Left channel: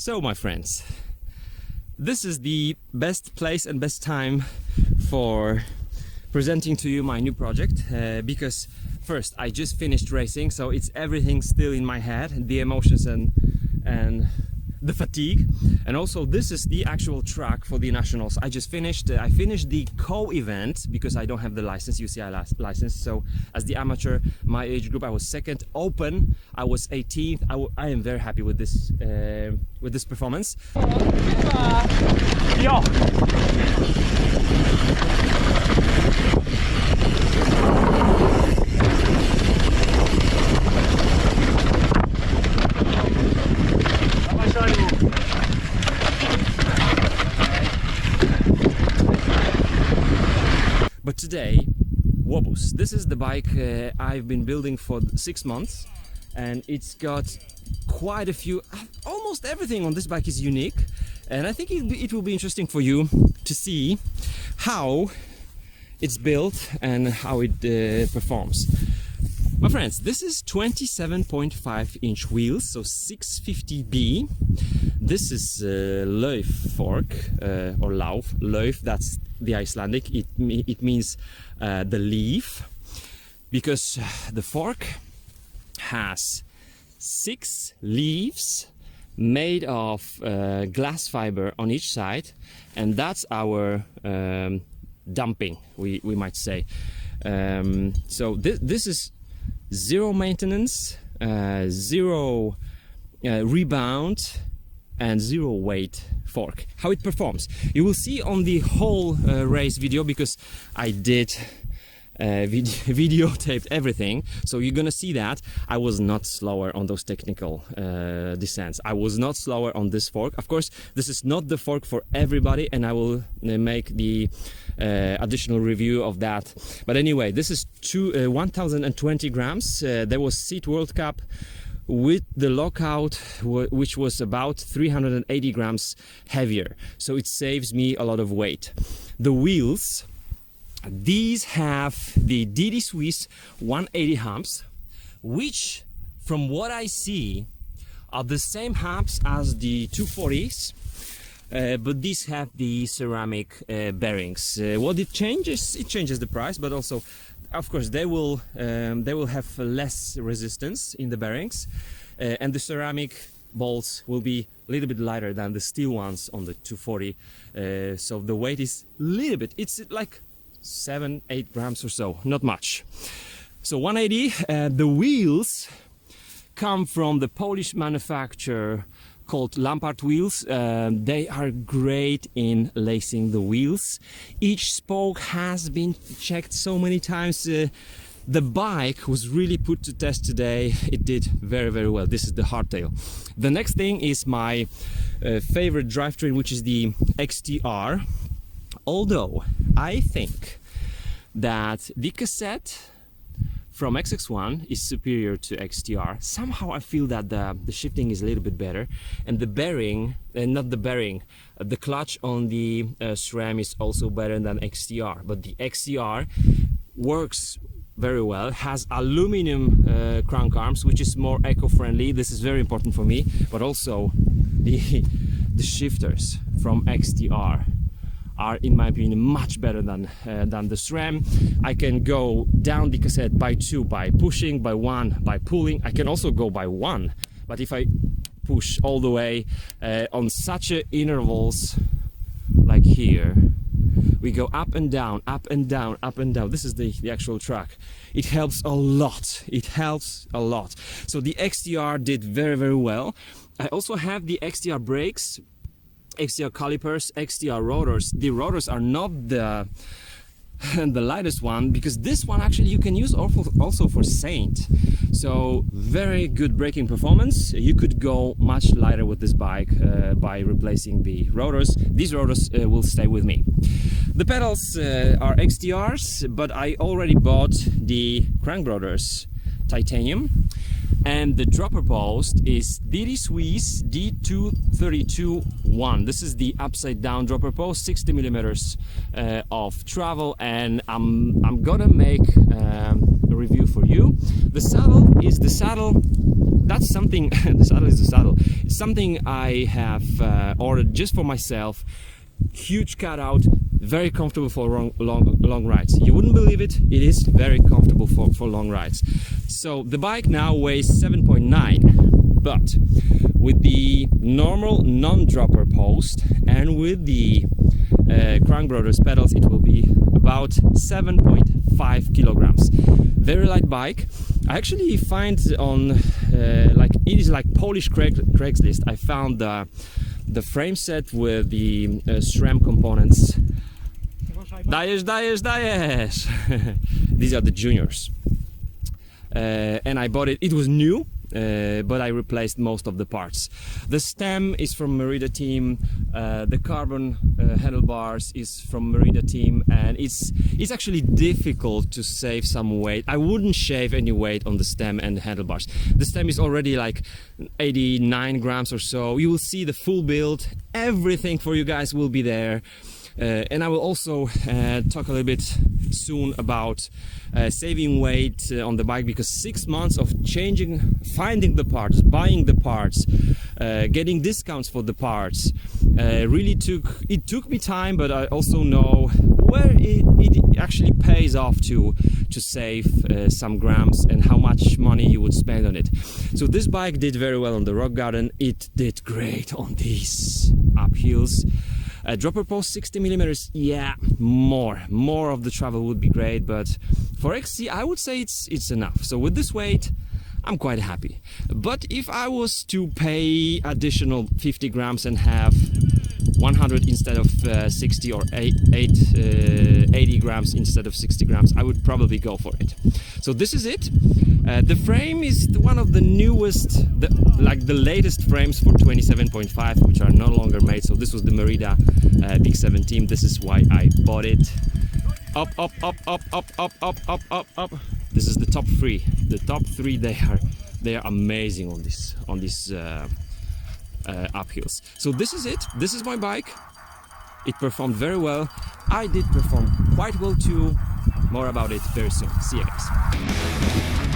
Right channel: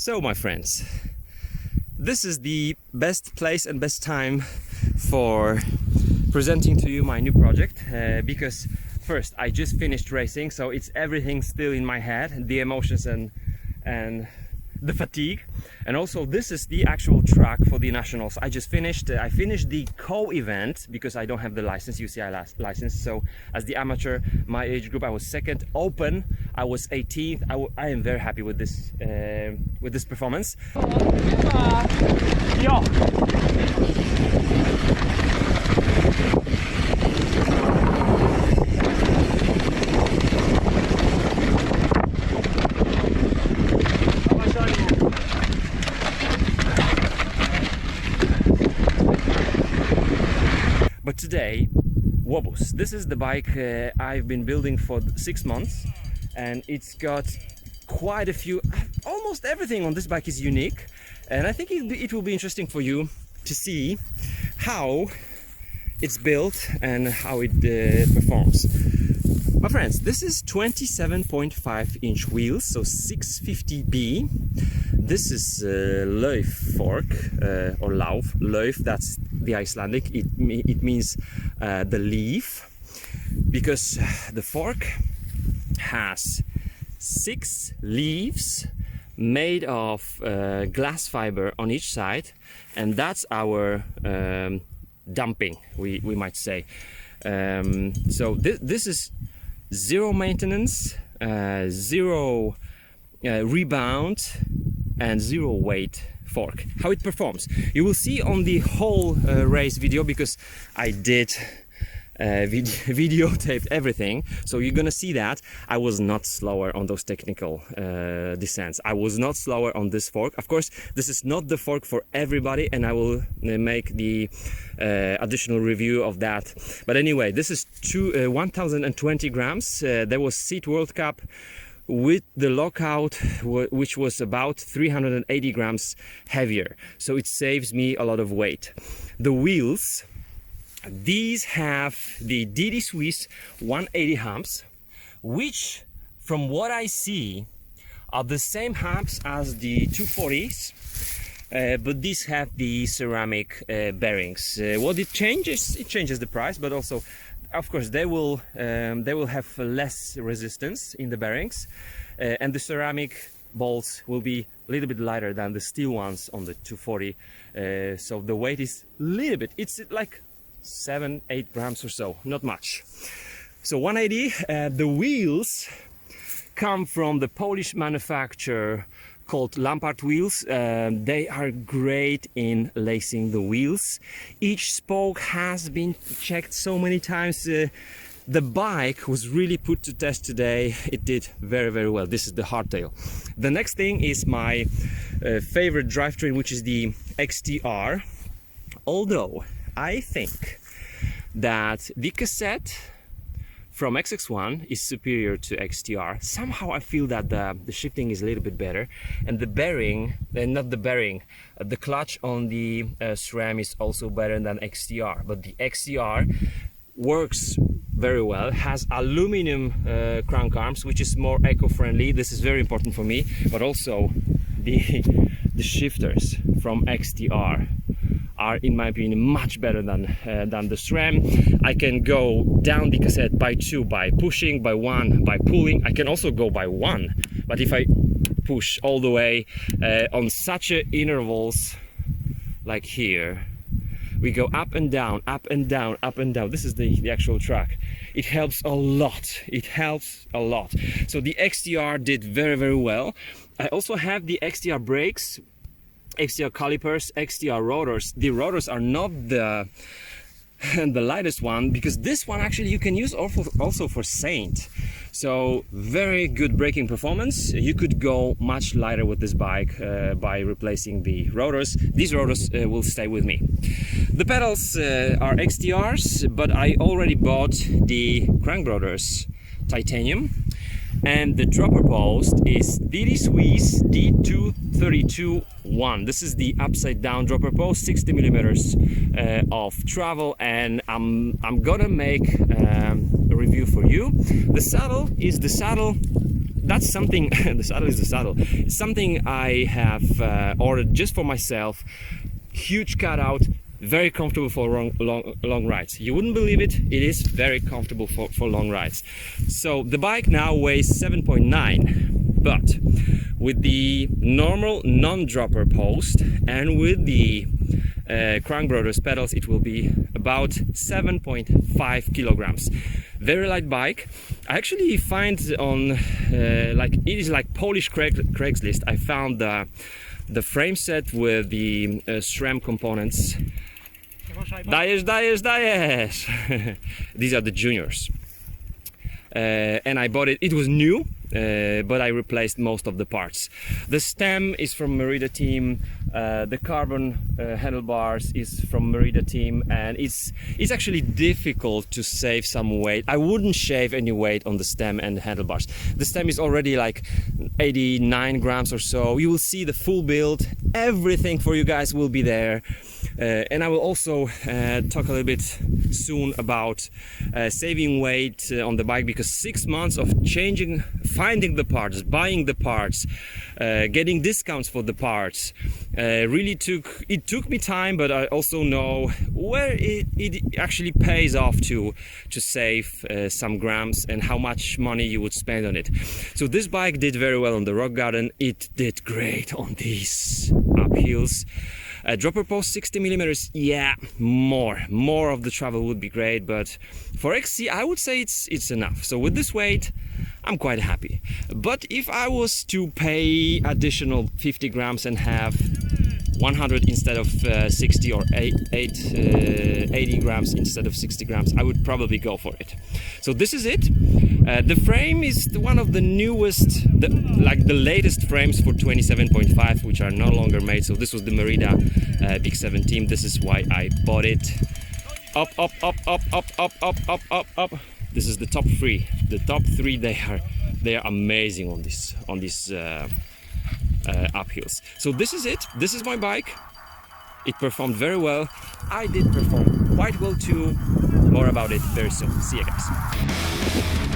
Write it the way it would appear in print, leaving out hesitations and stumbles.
So my friends, this is the best place and best time for presenting to you my new project because first I just finished racing, so it's everything still in my head, the emotions and the fatigue. And also this is the actual track for the nationals. I finished the co-event because I don't have the license, UCI license. So as the amateur, my age group, I was second. Open, I was 18th. I am very happy with this performance. Yo. But today, Wobus. This is the bike I've been building for 6 months, and it's got quite a few, almost everything on this bike is unique, and I think it will be interesting for you to see how it's built and how it performs. My friends, this is 27.5-inch wheels, so 650B. This is Lauf fork, or Lauf, that's the Icelandic. It means the leaf, because the fork has 6 leaves made of glass fiber on each side, and that's our dumping, we might say. So this is zero maintenance, zero rebound, and zero weight fork. How it performs, you will see on the whole race video, because I did videotaped everything, so you're gonna see that I was not slower on those technical descents. I was not slower on this fork. Of course, this is not the fork for everybody, and I will make the additional review of that. But anyway, this is 1020 grams. There was Seat World Cup with the lockout, which was about 380 grams heavier, so it saves me a lot of weight. The wheels, these have the DD Swiss 180 humps, which from what I see are the same humps as the 240s, but these have the ceramic bearings. What it changes the price, but also of course they will have less resistance in the bearings, and the ceramic balls will be a little bit lighter than the steel ones on the 240, so the weight is a little bit, it's like 7-8 grams or so, not much. So 180. The wheels come from the Polish manufacturer called Lampard wheels. They are great in lacing the wheels. Each spoke has been checked so many times. The bike was really put to test today. It did very, very well. This is the Hardtail. The next thing is my favorite drivetrain, which is the XTR. Although I think that the cassette from XX1 is superior to XTR. Somehow I feel that the shifting is a little bit better, and the bearing, the clutch on the SRAM is also better than XTR. But the XTR works very well, has aluminum crank arms, which is more eco-friendly. This is very important for me. But also the shifters from XTR are, in my opinion, much better than the SRAM. I can go down the cassette by 2 by pushing, by 1 by pulling. I can also go by 1, but if I push all the way on such intervals like here, we go up and down, up and down, up and down. This is the actual track. It helps a lot. It helps a lot. So the XTR did very, very well. I also have the XTR brakes, XTR calipers, XTR rotors. The rotors are not the lightest one, because this one actually you can use also for Saint. So very good braking performance. You could go much lighter with this bike by replacing the rotors. These rotors will stay with me. The pedals are XTRs, but I already bought the crank rotors titanium. And the dropper post is DD Swiss D232-1. This is the upside down dropper post, 60 millimeters of travel, and I'm gonna make a review for you. The saddle is the saddle that's something. The saddle is the saddle. It's something I have ordered just for myself. Huge cutout, very comfortable for long rides. You wouldn't believe it, it is very comfortable for long rides. So the bike now weighs 7.9, but with the normal non-dropper post and with the Crank Brothers pedals, it will be about 7.5 kilograms. Very light bike. I actually find on like it is like Polish Craigslist. I found the frame set with the SRAM components. Dajesz! These are the juniors. And I bought it. It was new, but I replaced most of the parts. The stem is from Merida team. The carbon handlebars is from Merida team, and it's actually difficult to save some weight. I wouldn't shave any weight on the stem and the handlebars. The stem is already like 89 grams or so. You will see the full build. Everything for you guys will be there. And I will also talk a little bit soon about saving weight on the bike, because 6 months of finding the parts, buying the parts, getting discounts for the parts, really took me time, but I also know where it actually pays off to save some grams and how much money you would spend on it. So this bike did very well on the rock garden. It did great on these uphills. Dropper post 60 millimeters, yeah, more of the travel would be great, but for XC I would say it's enough. So with this weight I'm quite happy. But if I was to pay additional 50 grams and have 100 instead of 60 or 80 grams instead of 60 grams, I would probably go for it. So this is it. The frame is one of the newest, the latest frames for 27.5, which are no longer made. So this was the Merida Big 17. This is why I bought it. Up. This is the top three. The top three, they are amazing on these uphills. So this is it. This is my bike. It performed very well. I did perform quite well too. More about it very soon. See you guys.